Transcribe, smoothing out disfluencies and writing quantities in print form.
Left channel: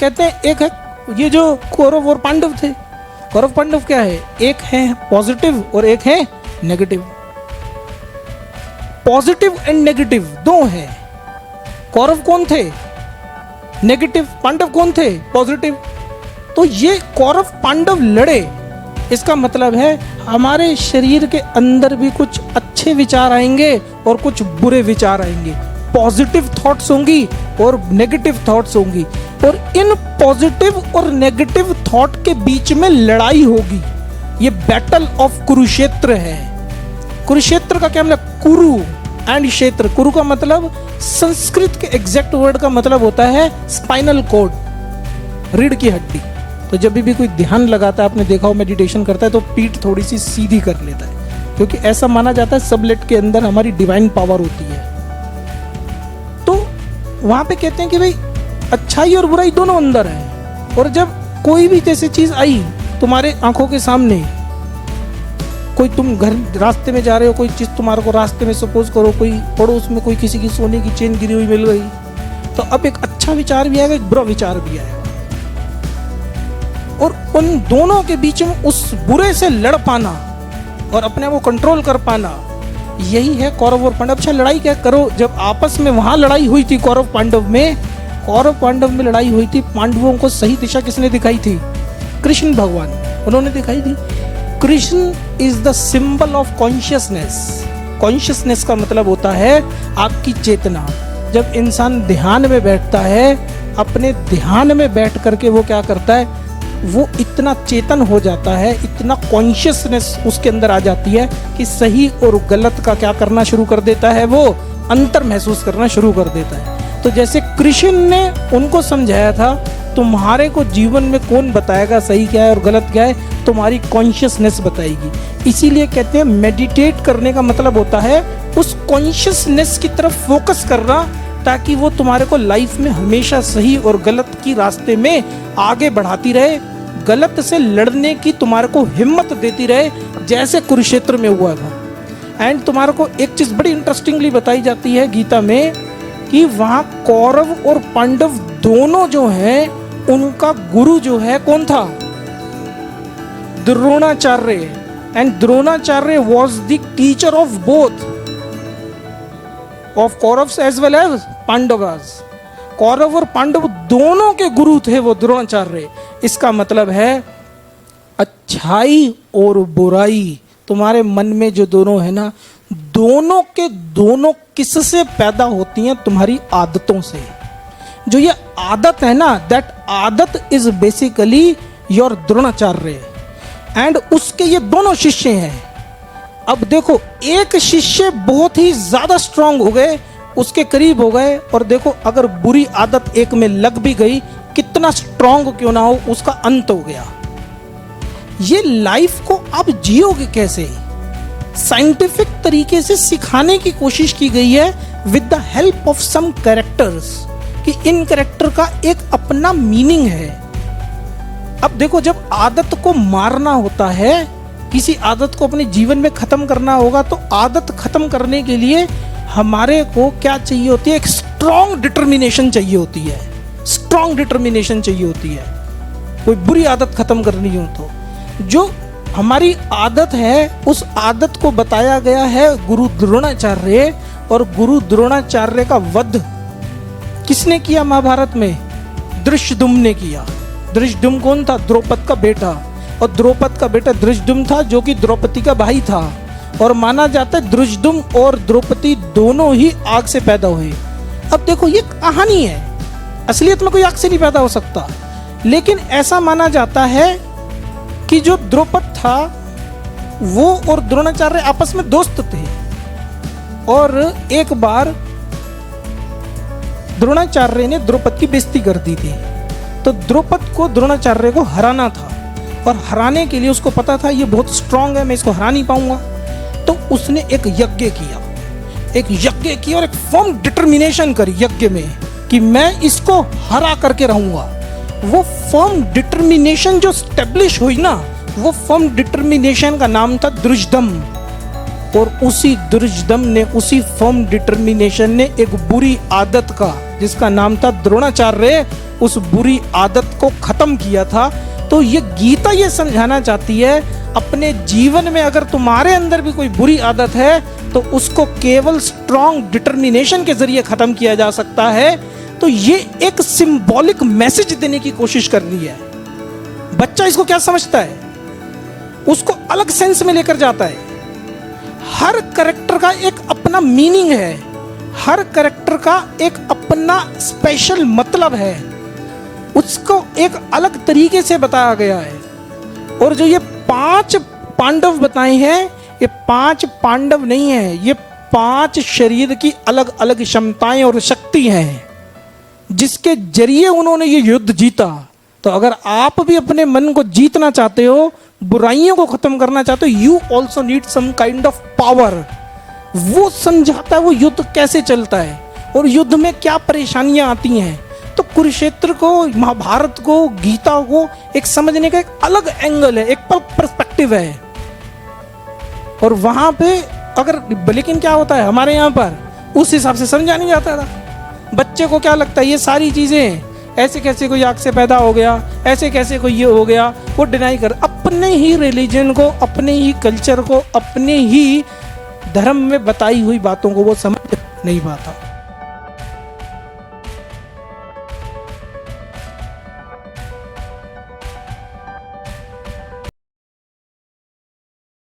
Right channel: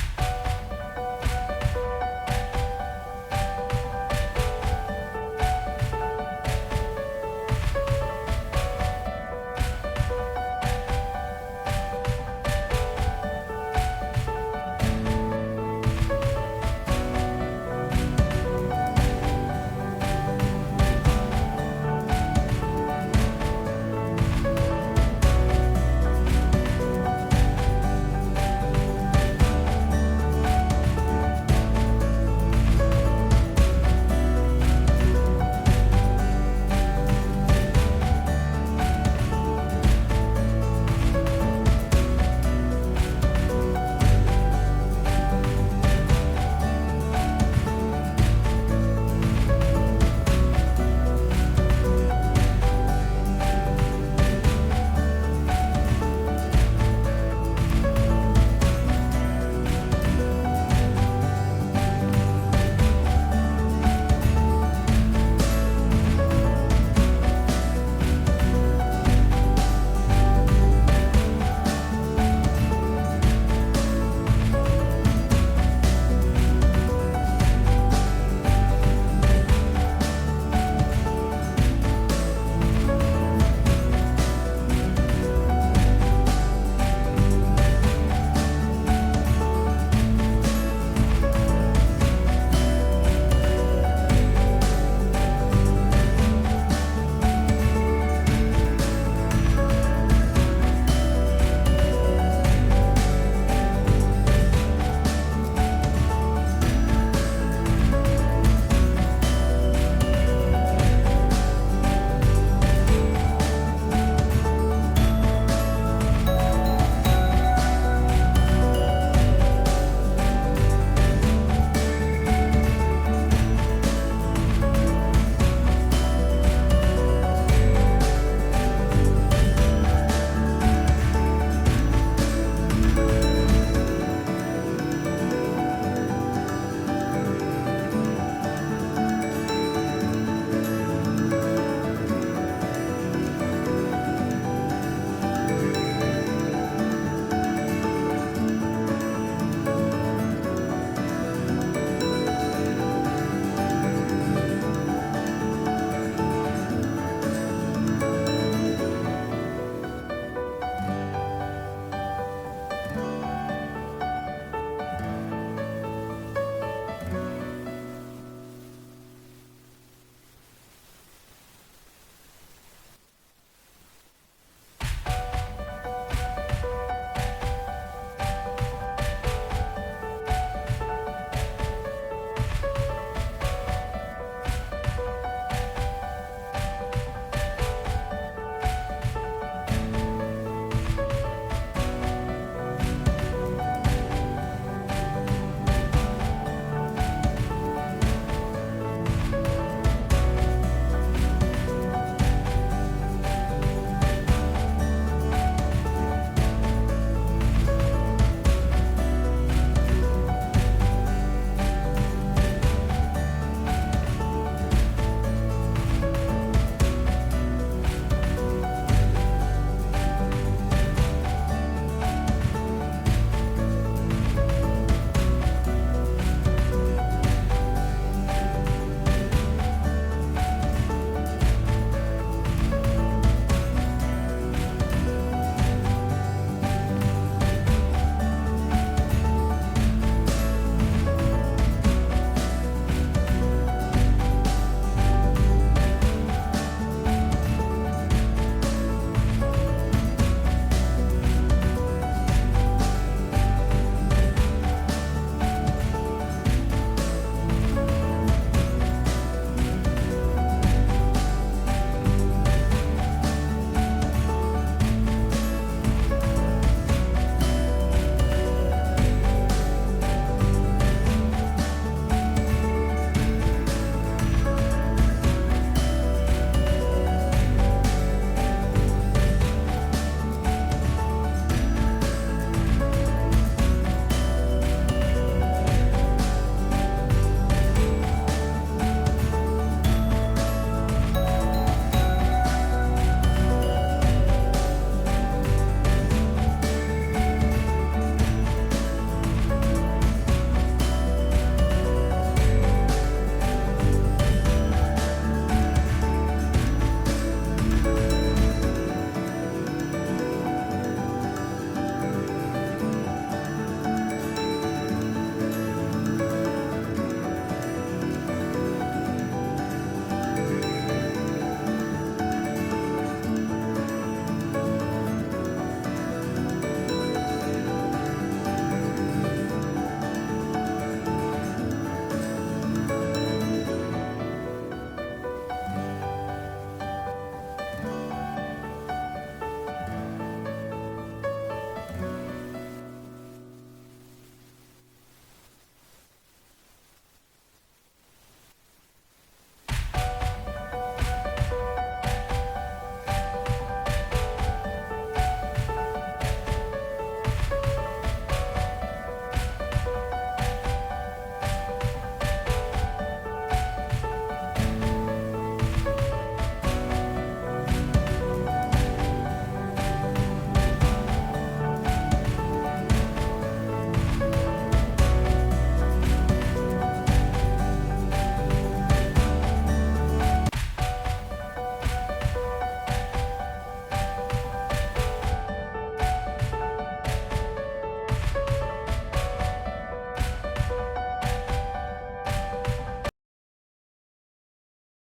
कहते हैं एक है ये जो कौरव और पांडव थे। कौरव पांडव क्या है, एक है पॉजिटिव और एक है नेगेटिव। पॉजिटिव एंड नेगेटिव दो है। कौरव कौन थे, नेगेटिव। पांडव कौन थे, पॉजिटिव। तो ये कौरव पांडव लड़े, इसका मतलब है हमारे शरीर के अंदर भी कुछ अच्छे विचार आएंगे और कुछ बुरे विचार आएंगे। पॉजिटिव थॉट्स होंगी और नेगेटिव थॉट्स होंगी, और इन पॉजिटिव और नेगेटिव थॉट के बीच में लड़ाई होगी। ये बैटल ऑफ कुरुक्षेत्र है। कुरुक्षेत्र का क्या मतलब, कुरु एंड क्षेत्र। कुरु का मतलब संस्कृत के एग्जैक्ट वर्ड का मतलब होता है स्पाइनल कॉर्ड, रीढ़ की हड्डी। तो जब भी कोई ध्यान लगाता है, आपने देखा हो मेडिटेशन करता है तो पीठ थोड़ी सी सीधी कर लेता है, क्योंकि ऐसा माना जाता है सबलेट के अंदर हमारी डिवाइन पावर होती है। तो वहां पे कहते हैं कि भाई अच्छाई और बुराई दोनों अंदर है, और जब कोई भी जैसी चीज आई तुम्हारे आंखों के सामने, कोई तुम घर रास्ते में जा रहे हो, कोई चीज तुम्हारे को रास्ते में सपोज करो कोई पड़ोस में कोई किसी की सोने की चेन गिरी हुई मिल गई, तो अब एक अच्छा विचार भी आएगा, एक बुरा विचार भी आएगा, और उन दोनों के बीच में उस बुरे से लड़ पाना और अपने आप को कंट्रोल कर पाना, यही है कौरव और पांडव। अच्छा लड़ाई क्या करो, जब आपस में वहां लड़ाई हुई थी कौरव पांडव में लड़ाई हुई थी, पांडवों को सही दिशा किसने दिखाई थी, कृष्ण भगवान, उन्होंने दिखाई थी। Krishna is the symbol of consciousness. Consciousness का मतलब होता है आपकी चेतना। जब इंसान ध्यान में बैठता है, अपने ध्यान में बैठ करके वो क्या करता है, वो इतना चेतन हो जाता है, इतना कॉन्शियसनेस उसके अंदर आ जाती है कि सही और गलत का क्या करना शुरू कर देता है, वो अंतर महसूस करना शुरू कर देता है। तो जैसे कृष्ण ने उनको समझाया था, तुम्हारे को जीवन में कौन बताएगा सही क्या है और गलत क्या है, तुम्हारी कॉन्शियसनेस बताएगी। इसीलिए कहते हैं मेडिटेट करने का मतलब होता है उस कॉन्शियसनेस की तरफ फोकस करना, ताकि वो तुम्हारे को लाइफ में हमेशा सही और गलत की रास्ते में आगे बढ़ाती रहे, गलत से लड़ने की तुम्हारे को हिम्मत देती रहे, जैसे कुरुक्षेत्र में हुआ था। एंड तुम्हारे को एक चीज बड़ी इंटरेस्टिंगली बताई जाती है गीता में, कि वहां कौरव और पांडव दोनों जो हैं, उनका गुरु जो है कौन था, Dronacharya. And Dronacharya was the teacher of both of Kauravas as well as Pandavas. Kaurav और पांडव दोनों के गुरु थे वो द्रोणाचार्य। इसका मतलब है अच्छाई और बुराई तुम्हारे मन में जो दोनों है ना, दोनों के दोनों किससे पैदा होती हैं, तुम्हारी आदतों से। जो ये आदत है ना, दैट आदत is basically your Dronacharya, and उसके ये दोनों शिष्य हैं। अब देखो, एक शिष्य बहुत ही ज्यादा स्ट्रांग हो गए, उसके करीब हो गए, और देखो अगर बुरी आदत एक में लग भी गई, कितना स्ट्रांग क्यों ना हो, उसका अंत हो गया। ये लाइफ को आप जियोगे कैसे, साइंटिफिक तरीके से सिखाने की कोशिश की गई है with the help of some characters, कि इन कैरेक्टर का एक अपना मीनिंग है। अब देखो, जब आदत को मारना होता है, किसी आदत को अपने जीवन में खत्म करना होगा, तो आदत खत्म करने के लिए हमारे को क्या चाहिए होती है, एक स्ट्रॉन्ग डिटर्मिनेशन चाहिए होती है। स्ट्रॉन्ग डिटर्मिनेशन चाहिए होती है कोई बुरी आदत खत्म करनी हो तो। जो हमारी आदत है, उस आदत को बताया गया है गुरु द्रोणाचार्य, और गुरु द्रोणाचार्य का वध किसने किया महाभारत में, धृष्टद्युम्न ने किया। धृष्टद्युम्न कौन था, द्रौपद का बेटा, और द्रौपद का बेटा धृष्टद्युम्न था जो कि द्रौपदी का भाई था, और माना जाता है धृष्टद्युम्न और द्रौपदी दोनों ही आग से पैदा हुए। अब देखो, ये कहानी है, असलियत में कोई आग से नहीं पैदा हो सकता, लेकिन ऐसा माना जाता है कि जो द्रौपद था वो और द्रोणाचार्य आपस में दोस्त थे, और एक बार द्रोणाचार्य ने द्रौपद की बेइज्जती कर दी थी। तो द्रौपद को द्रोणाचार्य को हराना था, और हराने के लिए उसको पता था ये बहुत स्ट्रांग है, मैं इसको हरा नहीं पाऊंगा। तो उसने एक यज्ञ किया और एक फर्म डिटर्मिनेशन करी यज्ञ में कि मैं इसको हरा करके रहूंगा। वो फर्म डिटर्मिनेशन जो स्टेब्लिश हुई ना, वो फर्म डिटर्मिनेशन का नाम था धृष्टद्युम्न। और उसी दुर्जदम ने, उसी फर्म डिटर्मिनेशन ने एक बुरी आदत का, जिसका नाम था द्रोणाचार्य, उस बुरी आदत को खत्म किया था। तो ये गीता ये समझाना चाहती है, अपने जीवन में अगर तुम्हारे अंदर भी कोई बुरी आदत है तो उसको केवल स्ट्रॉन्ग डिटर्मिनेशन के जरिए खत्म किया जा सकता है। तो ये एक सिंबॉलिक मैसेज देने की कोशिश कर रही है। बच्चा इसको क्या समझता है, उसको अलग सेंस में लेकर जाता है। हर कैरेक्टर का एक अपना मीनिंग है, हर कैरेक्टर का एक अपना स्पेशल मतलब है, उसको एक अलग तरीके से बताया गया है। और जो ये 5 पांडव बताए हैं, ये 5 पांडव नहीं है, ये 5 शरीर की अलग अलग क्षमताएं और शक्ति हैं, जिसके जरिए उन्होंने ये युद्ध जीता। तो अगर आप भी अपने मन को जीतना चाहते हो, बुराइयों को खत्म करना चाहते हो, you also need some kind of power. वो समझाता है वो युद्ध कैसे चलता है और युद्ध में क्या परेशानियां आती हैं। तो कुरुक्षेत्र को, महाभारत को, गीता को एक समझने का एक अलग एंगल है, एक पर्सपेक्टिव है। और वहां पे अगर, लेकिन क्या होता है हमारे यहाँ पर उस हिसाब से समझा नहीं जाता था। बच्चे को क्या लगता है ये सारी चीजें, ऐसे कैसे कोई आग से पैदा हो गया, ऐसे कैसे कोई ये हो गया, वो डिनाई कर, अपने ही रिलीजन को, अपने ही कल्चर को, अपने ही धर्म में बताई हुई बातों को वो समझ नहीं पाता।